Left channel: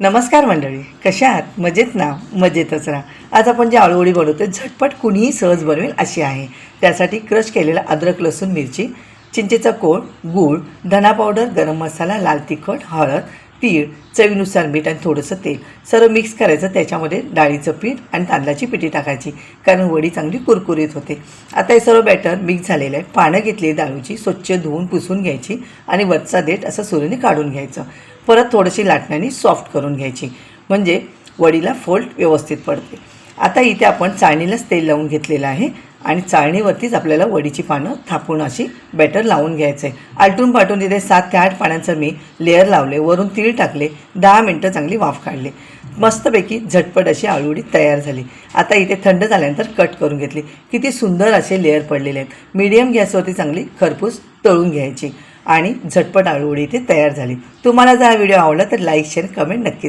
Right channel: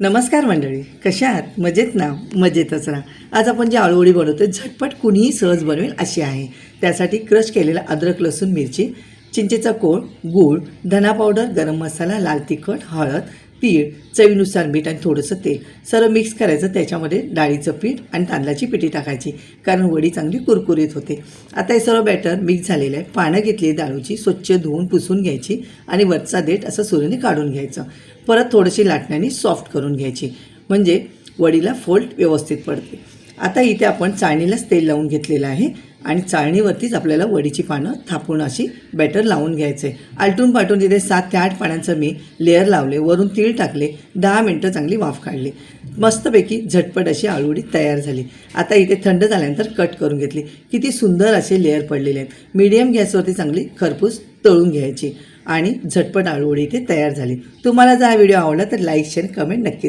नमस्कार मंडळी कशा आहात? मजेत ना? मजेतच राहा आज आपण जी आळूवडी बनवतो झटपट कुणीही सहज बनवेल अशी आहे. त्यासाठी क्रश केलेला अद्रक लसूण मिरची चिंचेचा कोळ गूळ धना पावडर गरम मसाला लाल तिखट हळद तीळ चवीनुसार मीठ आणि थोडंसं तेल. सर्व मिक्स करायचं त्याच्यामध्ये डाळीचं पीठ आणि तांदळाची पिठी टाकायची. कारण वडी चांगली कुरकुरीत होते. आता हे सर्व बॅटर मिक्स झालेलं आहे. पानं घेतली डाळूची स्वच्छ धुवून पुसून घ्यायची आणि वरचा देठ असं सुरीने काढून घ्यायचं. परत थोडीशी लाटण्याने सॉफ्ट करून घ्यायची. म्हणजे वडीला फोल्ड व्यवस्थित पडते. आता इथे आपण चाळणीलाच तेल लावून घेतलेलं आहे. आणि चाळणीवरतीच आपल्याला वडीची पानं थापून अशी बॅटर लावून घ्यायचं. आहे आलटून पाटून तिथे सात ते आठ पाण्याचं मी लेअर लावले वरून तीळ टाकले दहा मिनटं चांगली वाफ काढली. मस्तपैकी झटपट अशी आळूवडी तयार झाली. आता इथे थंड झाल्यानंतर कट करून घेतली. किती सुंदर असे लेअर पडलेले आहेत. मीडियम गॅसवरती चांगली खरपूस तळून घ्यायची. आणि झटपट आळूवडी इथे तयार झाली. तुम्हाला जर हा व्हिडिओ आवडला तर लाईक शेअर कमेंट नक्कीच